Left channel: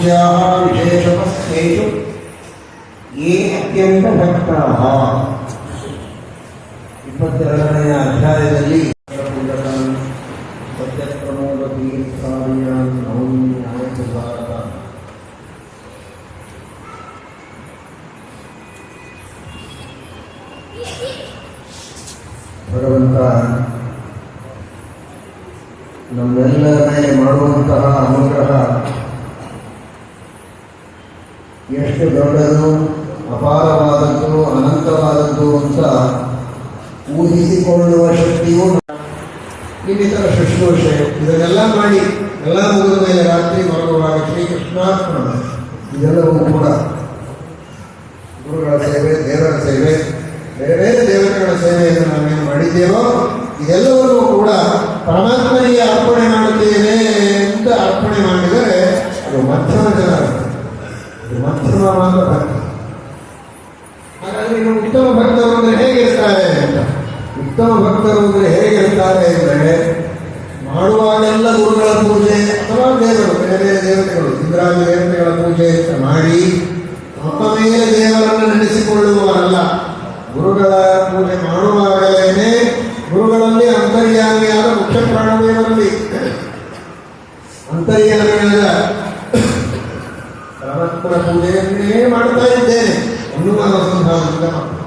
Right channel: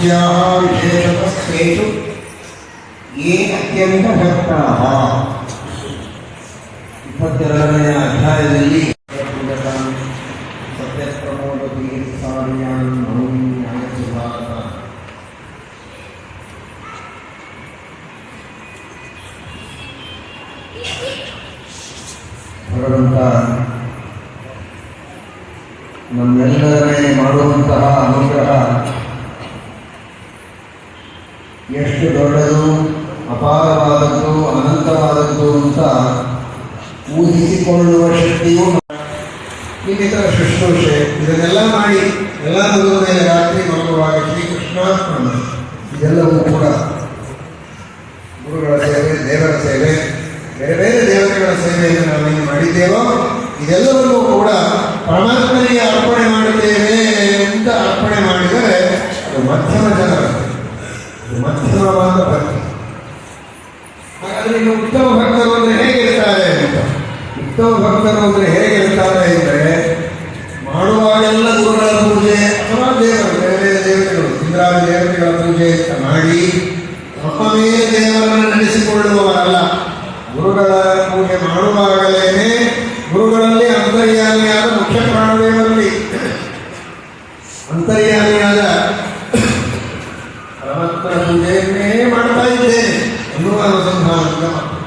पूज्याः विशेषवस्तेषु ये अत्यन्तभक्ताः ಇಪ್ಪತ್ತೆರಡನೆಯ ಅಧ್ಯಾಯದಲ್ಲಿ ಭಗವಂತ ನಮ್ಮೆಲ್ಲರನ್ನೇ ಮಾಡುವಂತಹ ಅನುಗ್ರಹ ಎಷ್ಟು ದೊಡ್ಡದು, ಅಪಾರವಾದದ್ದು, ಅನಂತವಾದದ್ದು ಅಂತ ಊಹಿಸಿಕೊಳ್ಳುವ ಶಕ್ತಿಯು ಇನ್ನಿತರ ಶುಶ್ರೂಷೆ, ಇದನ್ನೆಲ್ಲ ಮಾಡಿ ಎಲ್ಲ ಮುಗಿದ ಮೇಲೆ ರಾತ್ರಿ ಮಲಗುವಾಗ ಶ್ರೀಕೃಷ್ಣಾರ್ಪಣ. ಇದೆಲ್ಲವೂ ಕೂಡ ಗುರುಗಳ ಸೇವೆ, ದೇವರ ಸೇವೆ, ಬೇರೆ ಬೇರೆ ದೇವತೆಗಳ ಸೇವೆಯನ್ನು ನಾವೇನು ಮಾಡಿದ್ದೇವೋ, ಇದೆಲ್ಲವನ್ನೂ ಕೂಡ ಪರಮಾತ್ಮನಿಗೆ ಅರ್ಪಣೆ ಇನ್ನು ಉತ್ತಮ ಭಕ್ತರು ಅಂದರೆ ಹೇಗಿರ್ತಾರೆ ಅಂತ. ಉತ್ತಮ ಭಕ್ತರು ಅಂದರೆ ಹೇಗಿರ್ತಾರೆ ಅಂದರೆ ಮಾಡುವಾಗೆಲ್ಲ ಗುರುಗಳ ಪೂಜೆ ಅಥವಾ ದೇವರು, ಬೇರೆ ಬೇರೆ ದೇವತೆಗಳು, ಇಂದ್ರಾದಿ ದೇವತೆಗಳ ಪೂಜೆ ಮಾಡಿ ತಮ್ಮ ದೇವರನ್ನ ದೇವರನ್ನು ನಡೆಸಿಕೊಳ್ಳುವವರಲ್ಲ. ಗುರುಗಳ ಪೂಜೆ ಮಾಡುವಾಗಲೇನೆ ಗುರುಗಳಲ್ಲಿ ಅಂತರ್ಯಾಮಿಯಾದ ಮುಖ್ಯ ಪ್ರಾಣದೇವರಲ್ಲಿ. ಅಂತರ್ಯಾಮಿಯಾದ ಪರಮತ್ರ ಪೂಜೆಯನ್ನೇ ಮಾಡುತ್ತಾರೆ programa